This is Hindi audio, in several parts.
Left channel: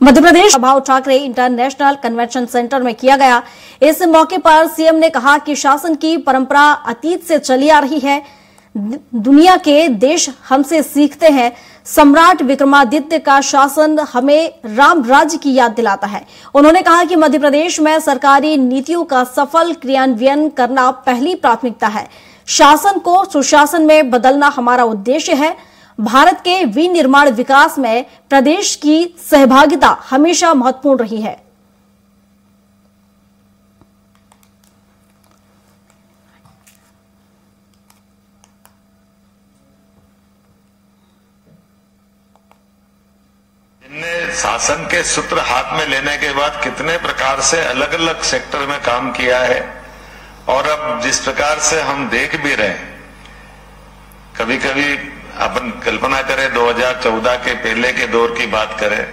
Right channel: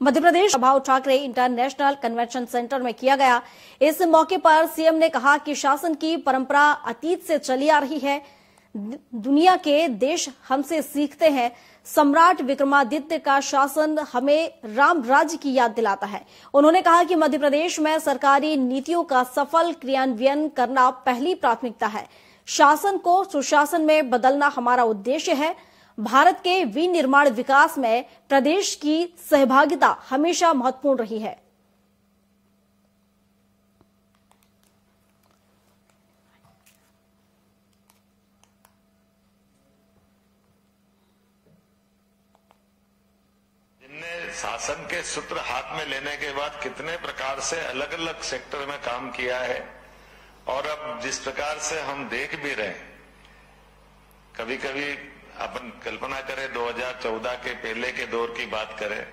मध्य Pradesh Uddhav Thackeray international convention centre में किया गया। इस मौके पर सीएम ने कहा कि शासन की परंपरा अतीत से चली आ रही है। दुनिया के देश हमसे सीखते हैं। सम्राट विक्रमादित्य का शासन हमें राम राज्य की याद दिलाता है। उन्होंने कहा कि मध्य प्रदेश में सरकारी नीतियों का सफल क्रियान्वयन करना पहली प्राथमिकता है। शासन को सुशासन में बदलना हमारा उद्देश्य है। भारत के विनिर्माण विकास में प्रदेश की सहभागिता हमेशा महत्वपूर्ण रही है। जिनने शासन के सूत्र हाथ में लेने के बाद कितने प्रकार से अलग अलग सेक्टर में काम किया है, और अब जिस प्रकार से हम देख भी रहे हैं, कभी कभी अपन कल्पना करें 2014 के पहले के दौर की बात करें,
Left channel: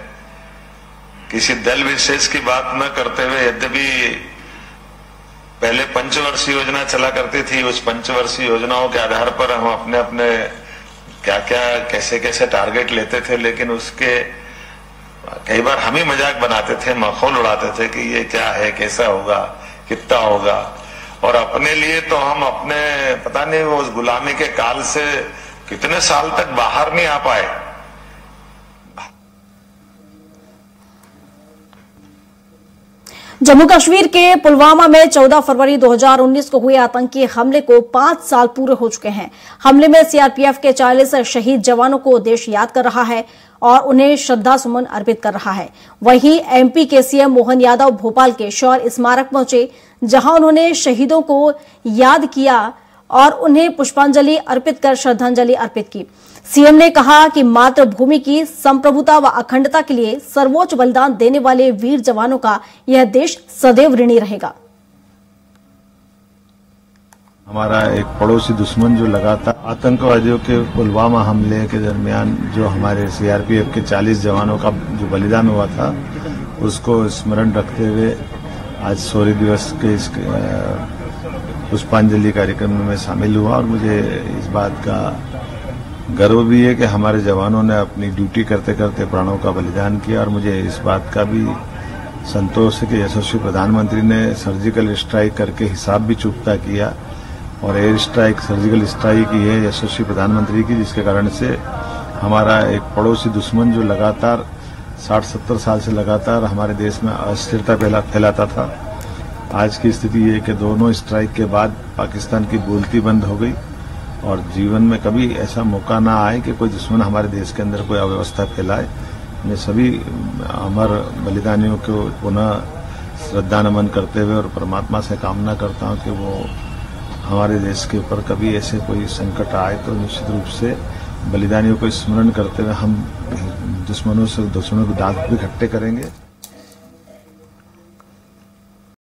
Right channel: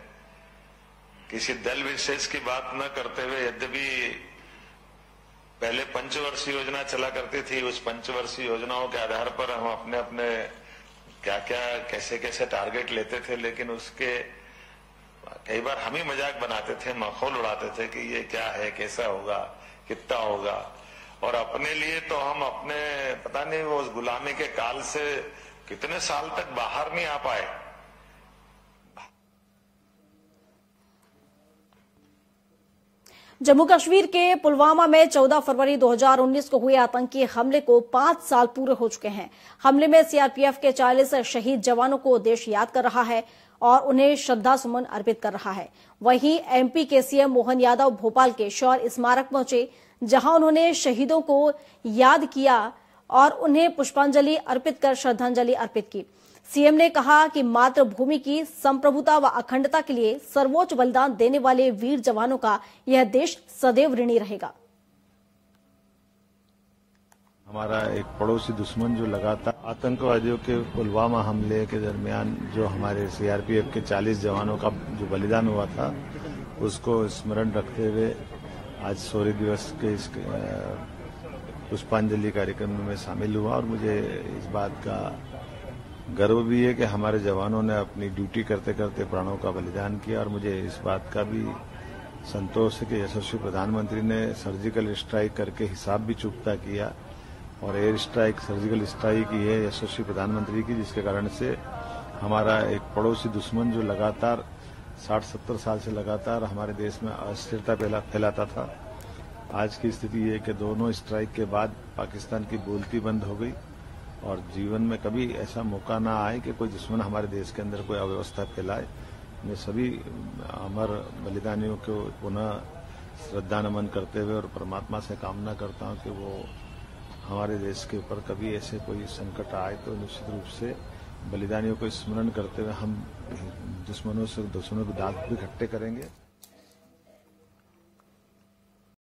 किसी दल विशेष की बात न करते हुए, यद्यपि पहले पंचवर्षीय योजना चला करती थी, उस पंचवर्षीय योजनाओं के आधार पर हम अपने अपने क्या क्या कैसे कैसे टारगेट लेते थे, लेकिन उसके कई बार हम ही मजाक बनाते थे, मखौल उड़ाते थे कि ये क्या है, कैसा होगा, कितना होगा। और अपने लिए तो हम अपने पता नहीं वो उस गुलामी के काल से कितने साल तक बाहर नहीं आ पाए। जम्मू कश्मीर के पुलवामा में 14 फरवरी 2019 को हुए आतंकी हमले को 5 साल पूरे हो चुके हैं। हमले में सीआरपीएफ के 40 शहीद जवानों को देश याद कर रहा है और उन्हें श्रद्धा सुमन अर्पित कर रहा है। वहीं एमपी के सीएम मोहन यादव भोपाल के शौर्य स्मारक पहुंचे, जहां उन्होंने शहीदों को याद किया और उन्हें पुष्पांजलि अर्पित कर श्रद्धांजलि अर्पित की। सीएम ने कहा कि मातृभूमि की संप्रभुता व अखंडता के लिए सर्वोच्च बलिदान देने वाले वीर जवानों का यह देश सदैव ऋणी रहेगा। हमारा एक पड़ोसी दुश्मन जो लगातार आतंकवादियों के पुलवामा हमले के दरमियान जो हमारे सीआरपीएफ के 40 जवानों का जो बलिदान हुआ था, उसको स्मरण रखते हुए आज शौर्य दिवस के इस पुष्पांजलि कार्यक्रम में मैं शामिल हुआ। और मुझे इस बात का गर्व भी है कि हमारे जवानों ने अपनी ड्यूटी करते करते प्राणों का बलिदान किया। और मुझे इस बात का भी संतोष है कि यशस्वी प्रधानमंत्री ने सर्जिकल स्ट्राइक करके हिसाब भी चुकता किया और एयर स्ट्राइक, सर्जिकल स्ट्राइक की है यशस्वी प्रधानमंत्री की, जिसके कारण से हमारा एक पड़ोसी दुश्मन जो लगातार 60-70 साल से लगातार हमारे देश में अस्थिरता फैलाता था, आज की स्थिति ये कि दोनों स्ट्राइक के बाद पाकिस्तान की बोलती बंद हो गई और जीवन में कभी ऐसा मौका ना आए कि कोई दुश्मन हमारे देश के अंदर कोई अव्यवस्था फैलाए। मैं सभी अमर बलिदानियों को पुनः श्रद्धा नमन करते हुए और परमात्मा से कामना करता हूं कि वो हमारे देश के ऊपर कभी ऐसे कोई संकट आए तो निश्चित रूप से बलिदानियों को स्मरण करते हुए हम दुश्मनों के दांत भी इकट्ठे करेंगे।